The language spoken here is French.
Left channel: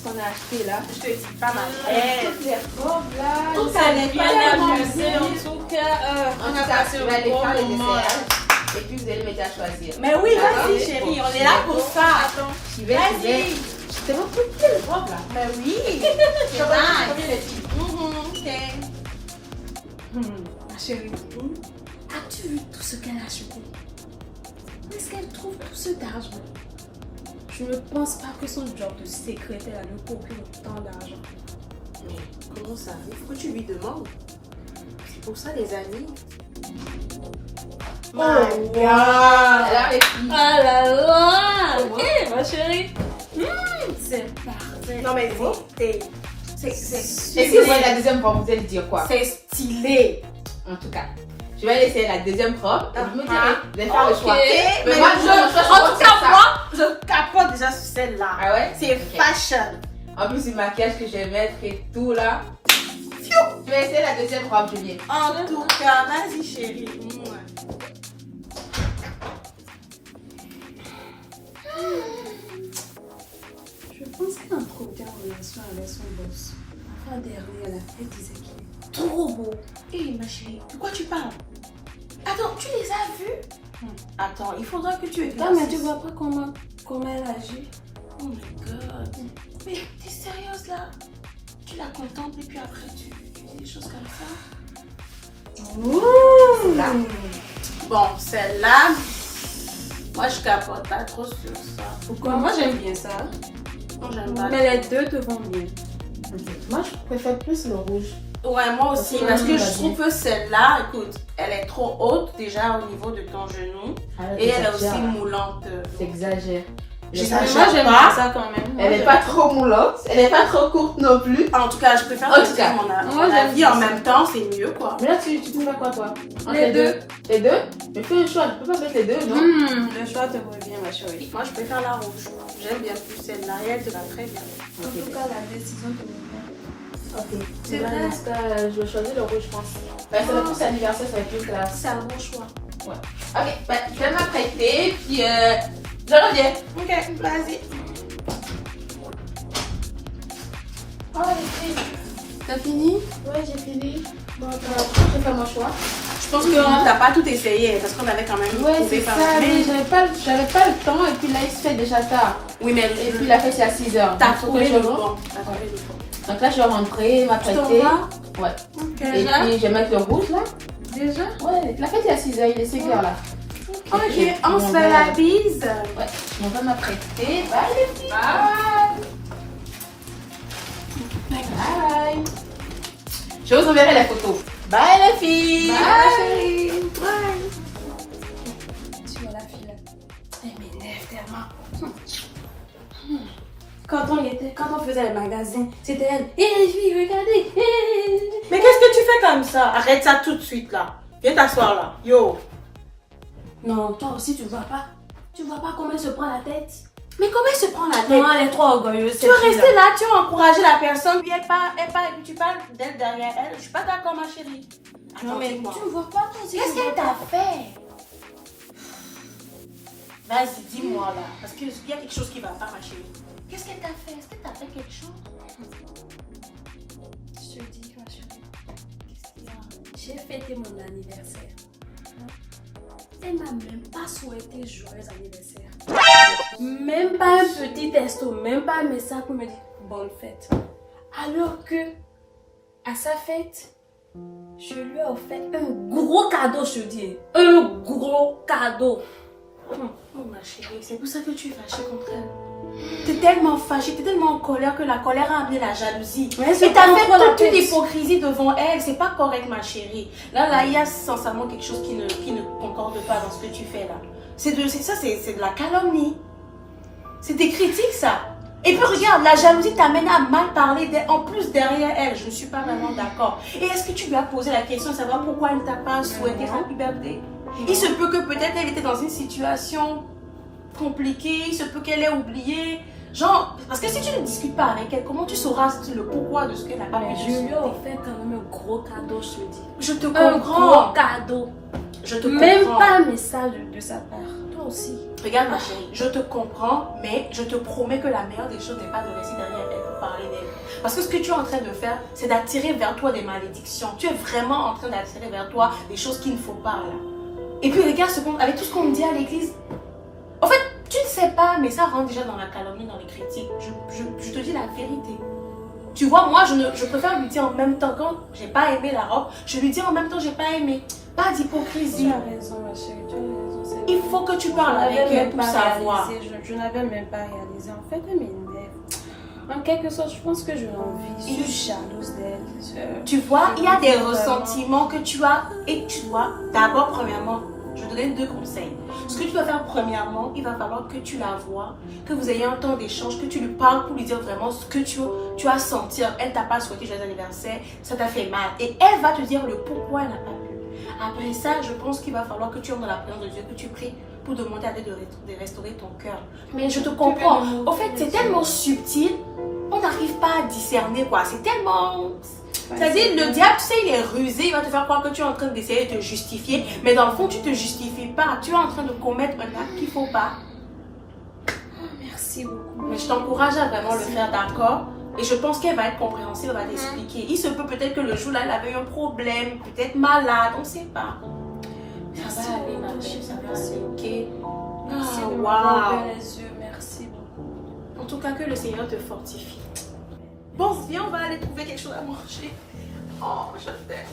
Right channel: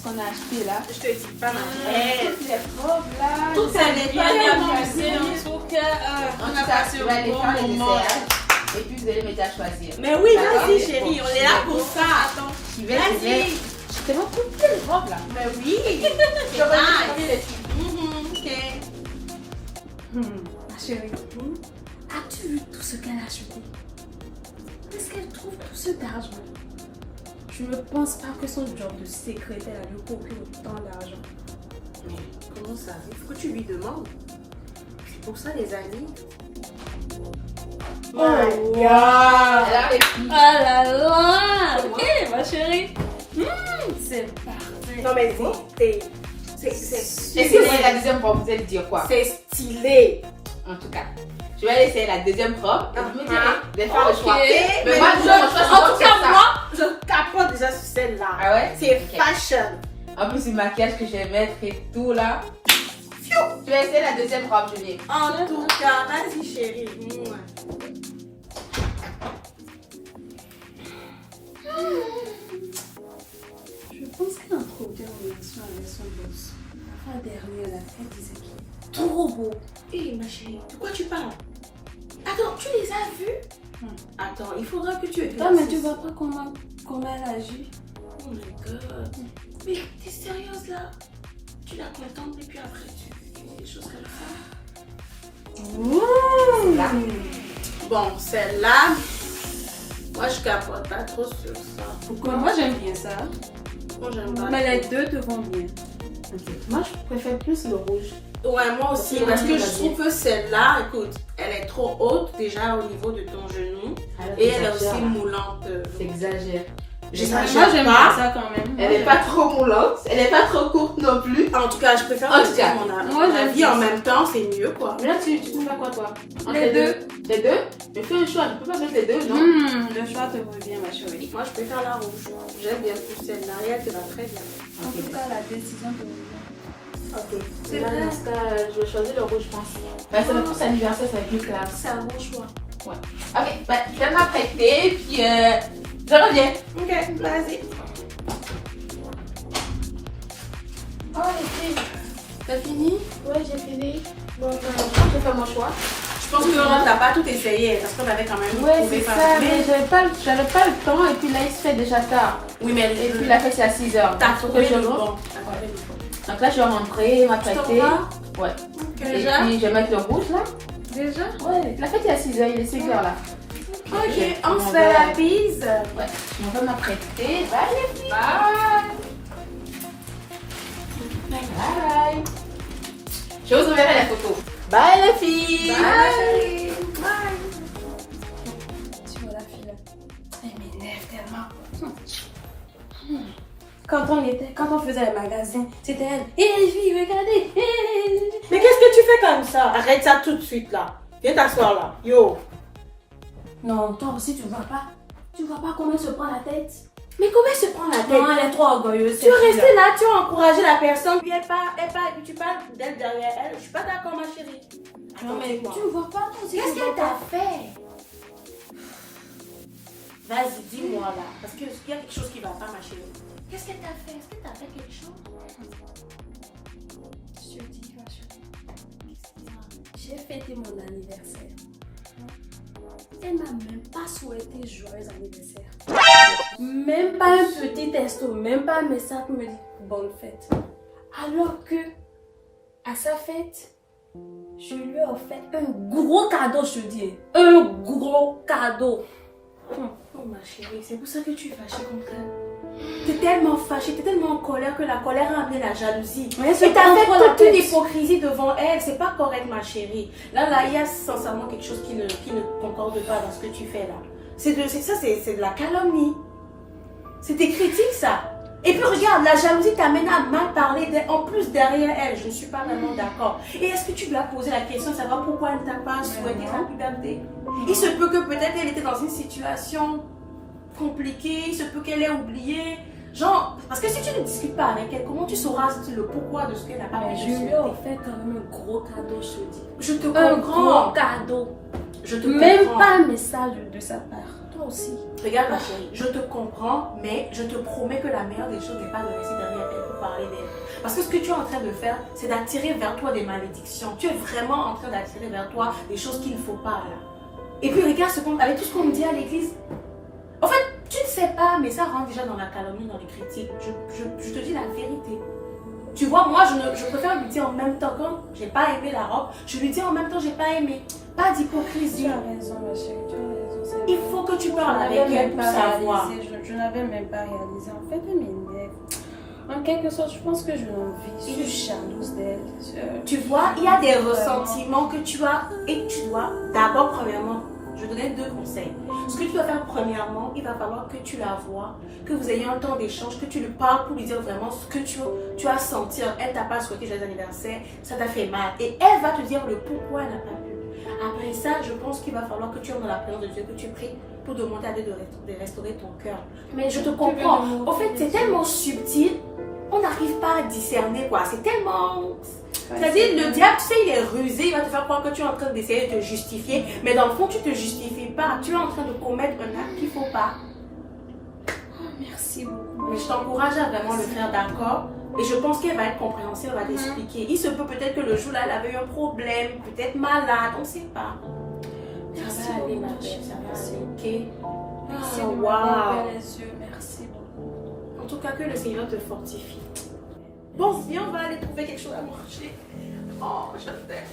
ce qu'on a acheté là. Je te dis, pas mal. Toutes les robes là. Tout ça n'est pas amusé. En tout cas, En on a tout cas, passé je vais aller un faire bon les moment. essayages. Et puis vous allez m'aider à choisir. Mais oui, Ah, vas-y, oui. chérie, on est là pour ça. Attends. Je vais. Je te montre toutes les robes là. Mais oui. C'est Ok. Ma chérie, as-tu vu tout ce qu'elle a acheté? Est-ce qu'elle trouve tout ce d'argent? Je ne pense pas que son job de secrétaire lui procure autant d'argent. Mais comment ça? Il faut que tu lui demandes. C'est pour ça, les amis. Oh my God! Ah là là! Ok, ma chérie. C'est parfait. Non, mais c'est Et stylé. si vous voyez la deuxième robe, vous allez dire quoi? C'est stylé. En tout cas, je vais essayer la deuxième robe et vous me direz, vous allez faire le Ok. choix. Mais moi, en tout cas, moi, je capote déjà sur celle-là. Ah ouais? C'est Ok. fashion. En plus, le maquillage que je vais mettre et tout là. Je vais essayer la deuxième robe, Julie. En tout cas, vas-y, chérie. Mouah. Je pense qu'elle a trop bien en relation avec son boss. La fois dernière, elle disait qu'il est trop beau. Hé, ma chérie, de quoi tu parles? Attends, tu les as vus? Attends, il faudra que tu aies Non, mais tu vois pas comment elle agit. Oh my god. Mais t'es sérieuse là? Tu la contemples et puis après tu fais des choses comme ça? Là. Bon, celle-là, moi je capote pas trop sur ça. Pourquoi? Moi, j'aime bien ça. Moi j'aime pas. Mais les deux te vont bien. Moi, je préfère plus le rouge. Ouais, moi aussi, Parce que parce que oui, je va trouve que celle-là, écoute, elle est trop haute déjà au niveau de ton genou. Et elle est aussi moulante. T'exagères. J'exagère Moi, j'aime pas. bien ça quand même. Moi, Elle n'est j'aime pas trop moulante, elle n'est pas trop courte non plus. En tout cas, je préfère En que tout cas, moi, mon j'aime avis bien en ça. même temps, c'est mieux quoi. Mais là, tu préfères quoi, toi? Entre Les deux. Les deux? Mais fais un choix, tu peux pas mettre les deux, non? Le choix te revient, ma chérie. Moi, je préfère la rouge. J'aime bien plus celle-là et elle te va très bien. En tout cas, la décision te revient. Ok. C'est Là, vrai. dans ce cas, je vais choisir le rouge, je pense. C'est le plus anniversaire, c'est plus classe. C'est un bon choix. Ok, ben, je vais m'apprêter, puis je reviens. Ok, vas-y. Oh, les filles. T'as fini? Ouais, j'ai fini. Bon, je crois que j'ai fait mon choix. Je pense que t'as pas tout essayé parce qu'on avait quand même Ouais, trouvé c'est pas ça, mal. mais j'avais pas le temps, et puis là, il se fait déjà tard. Oui, mais Et puis la fête, c'est à 6h. t'as trouvé le bon. bon. T'as trouvé le bon. Donc là, je vais rentrer, m'apprêter. Tu t'en vas? Ouais. Ok. Et puis, je vais mettre le rouge là. Déjà? Ouais, la fête, c'est à 6h, il est 5h là. Ok, on se fait la bise. Ouais, je m'en vais m'apprêter. Bye les filles. Bye! Bye. Je vous enverrai la photo. Bye les filles. Bye. Tu vois la fille là? Elle m'énerve tellement. Quand on faisait les magazines, c'était elle. Hé les filles, regardez! Mais qu'est-ce que tu fais comme ça? Arrête ça tout de suite là. Viens t'asseoir là. Yo. Non, toi aussi tu vois pas. Tu vois pas comment elle se prend la tête? Mais comment elle se prend la tête? Non, elle est trop orgueilleuse. Tu vas rester là, tu vas encourager la personne, puis elle parle, et puis tu parles d'elle derrière elle. Je suis pas d'accord, ma chérie. Non, mais Attends, tu ne vois pas toi aussi. qu'est-ce tu vois qu'elle pas. t'a fait? Vas-y, dis-moi là, parce qu'il y a quelque chose qui va pas, ma chérie. Qu'est-ce qu'elle t'a fait? Est-ce qu'elle t'a fait quelque chose? Je te dis, ma chérie. J'ai fêté mon anniversaire. Elle m'a même pas souhaité joyeux anniversaire. Même pas un petit texto, même pas un message pour me dire bonne fête. Alors que, à sa fête, je lui ai offert un gros cadeau, je te dis. Un gros cadeau. Oh ma chérie, c'est pour ça que tu es fâchée contre elle. T'es tellement fâchée, t'es tellement en colère que la colère a amené la jalousie. Ouais, Et t'as fait prends la toute une tête. hypocrisie devant elle, c'est pas correct ma chérie. Là, il y a sincèrement quelque chose qui ne concorde pas dans ce que tu fais là. C'est de la calomnie. C'est des critiques ça. Et puis regarde, la jalousie t'amène à mal parler en plus derrière elle. Je ne suis pas vraiment d'accord. Et est-ce que tu lui as posé la question de savoir pourquoi elle ne t'a pas souhaité non. sa puberté? Il se peut que peut-être elle était dans une situation compliquée, il se peut qu'elle ait oublié. Genre, parce que si tu ne discutes pas avec elle, comment tu sauras le pourquoi de ce qu'elle n'a pas Mais pu je te lui ai souhaiter? offert quand même un gros cadeau, je te dis. Je te Un comprends. gros cadeau. Je te Même comprends. pas un message de sa part. Toi, toi aussi. Regarde ma chérie, je te comprends, mais je te promets que la meilleure des choses n'est pas de rester derrière elle pour parler d'elle. Parce que ce que tu es en train de faire, c'est d'attirer vers toi des malédictions. Tu es vraiment en train d'attirer vers toi des choses qu'il ne faut pas là. Et puis regarde avec tout ce qu'on me dit à l'église. En fait, tu ne sais pas, mais ça rentre déjà dans la calomnie, dans les critiques. Je te dis la vérité. Tu vois, moi, je préfère lui dire en même temps, quand j'ai pas aimé la robe, je lui dis en même temps, j'ai pas aimé. Pas d'hypocrisie. Tu as raison, ma chérie, tu as raison. Il faut que tu parles avec elle pour savoir. Je n'avais même pas réalisé. En fait, elle m'énerve. En quelque sorte, je pense que je l'envie. Je suis jalouse d'elle. Tu vois, il y a des ressentiments que tu as et tu dois d'abord, premièrement, je vais te donner 2 conseils. Ce que tu dois faire premièrement, il va falloir que tu la vois, que vous ayez un temps d'échange, que tu lui parles pour lui dire vraiment ce que tu as senti. Elle t'a pas souhaité joyeux anniversaire, ça t'a fait mal. Et elle va te dire le pourquoi elle n'a pas pu. Après ça, je pense qu'il va falloir que tu entres dans la présence de Dieu, que tu pries pour demander à Dieu de restaurer ton cœur. Mais je te comprends. En fait, c'est tellement subtil, on n'arrive pas à discerner quoi. C'est tellement... C'est-à-dire, le diable, tu sais, il est rusé, il va te faire croire que tu es en train d'essayer de te justifier, mais dans le fond, tu ne te justifies pas. Tu es en train de commettre un acte qu'il ne faut pas. Merci beaucoup. Mais je t'encourage à vraiment le faire, d'accord? Et je pense qu'elle va être compréhensive, elle va t'expliquer. Il se peut peut-être que le jour-là, elle avait eu un problème, peut-être malade, on ne sait pas. Ça va aller, ma belle, ça va aller, ok? Merci Ah, de m'avoir ouvert les yeux. Merci beaucoup. En tout cas, que le Seigneur te fortifie. Bon, viens, on va aller trouver quelque chose à manger. Oh, je t'aime.